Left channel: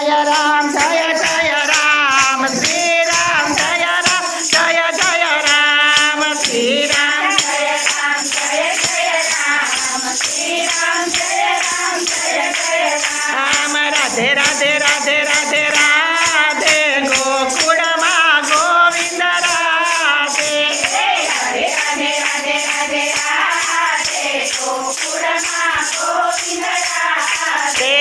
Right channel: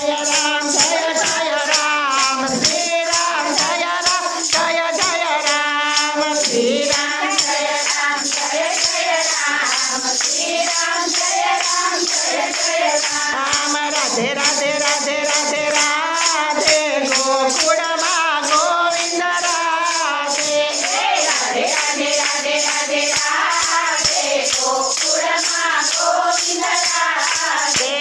રામ શ્રી રામ જય રામ શ્રી રામ રામ રાધે રાધે રાધે રાધે રાધે ગોકુળમાં ગોવિંદ રાધે રાધે રાધે રાધે રાધે ગોકુળમાં ગોવિંદ રાધે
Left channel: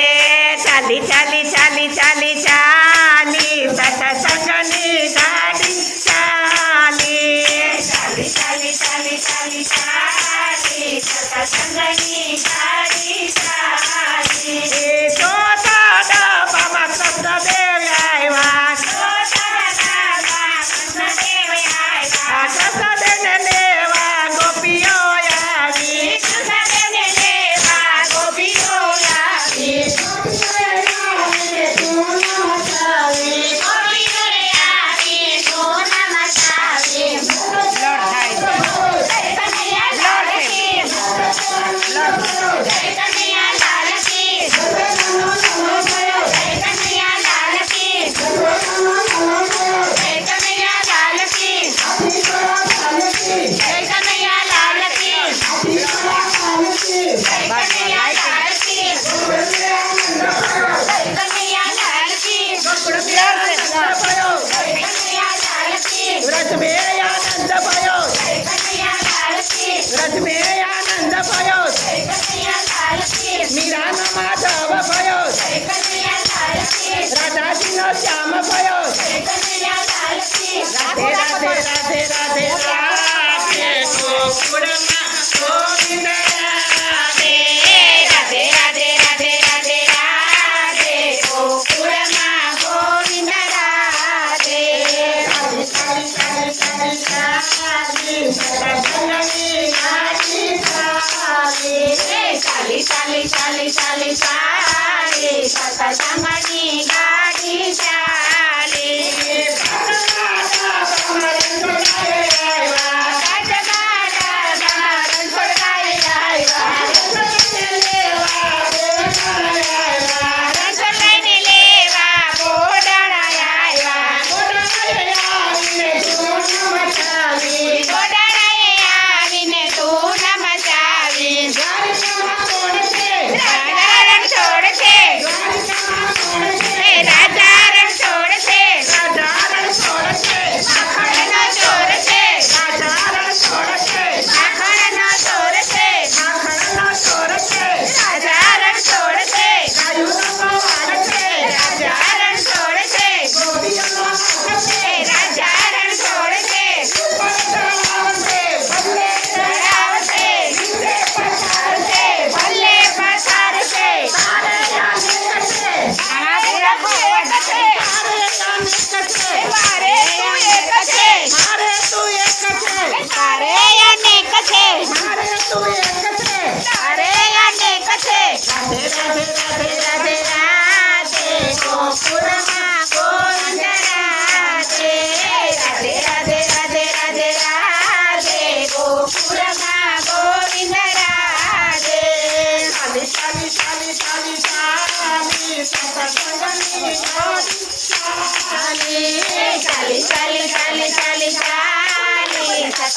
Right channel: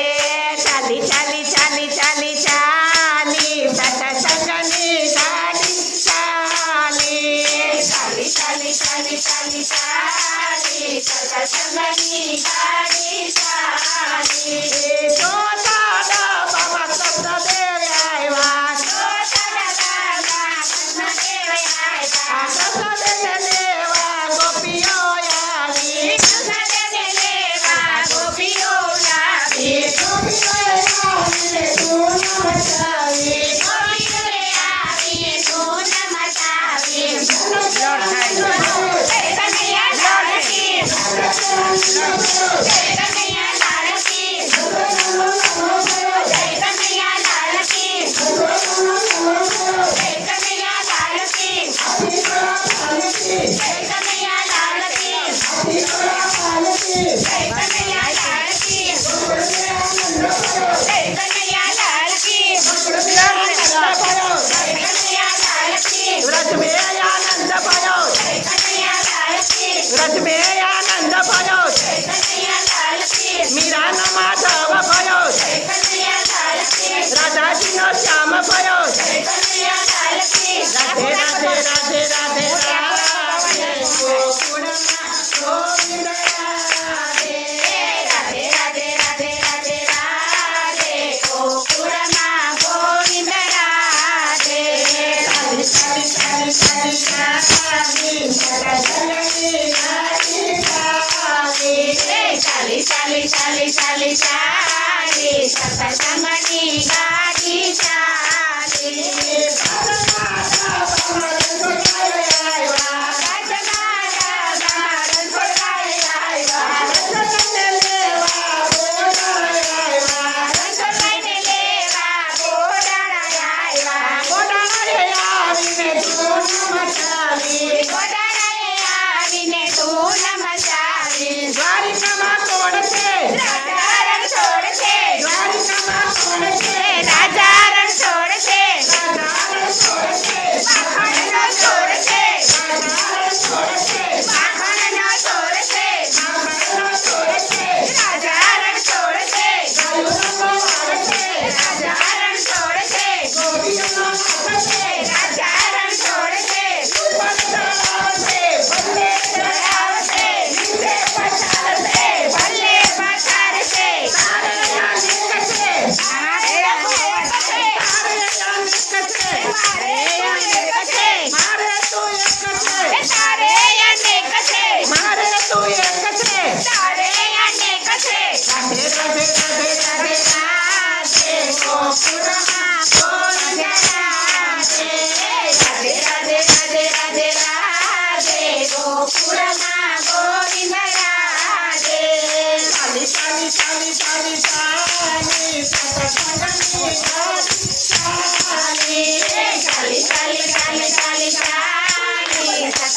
ચાલી ચાલી ચાલી ચાલી ચાલી સત્સંગની ગાડી ચાલી ચાલી ચાલી ચાલી ચાલી ચાલી સત્સંગની ગાડી ચાલી ચોથા ડબ્બામાં કૃષ્ણદેવ આવ્યા કૃષ્ણદેવને લેવા ગોપીઓ આવી વ્રજ મેં આનંદ ભયો વ્રજ મેં આનંદ ભયો મીરાનો માધવ ભયો રાધાજીનો શ્યામ ભયો રાધે રાધે રાધે રાધે ગોકુળમાં ગોવિંદ રાધે રાધે રાધે રાધે રાધે રાધે ગોકુળમાં ગોવિંદ રાધે ચાલી ચાલી ચાલી ચાલી ચાલી સત્સંગની ગાડી ચાલી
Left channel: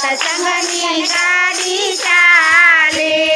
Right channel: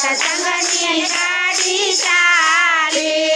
સત્સંગની ગાડી ચાલે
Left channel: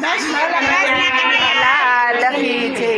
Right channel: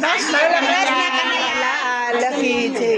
કૃષ્ણ લાલ કી જય.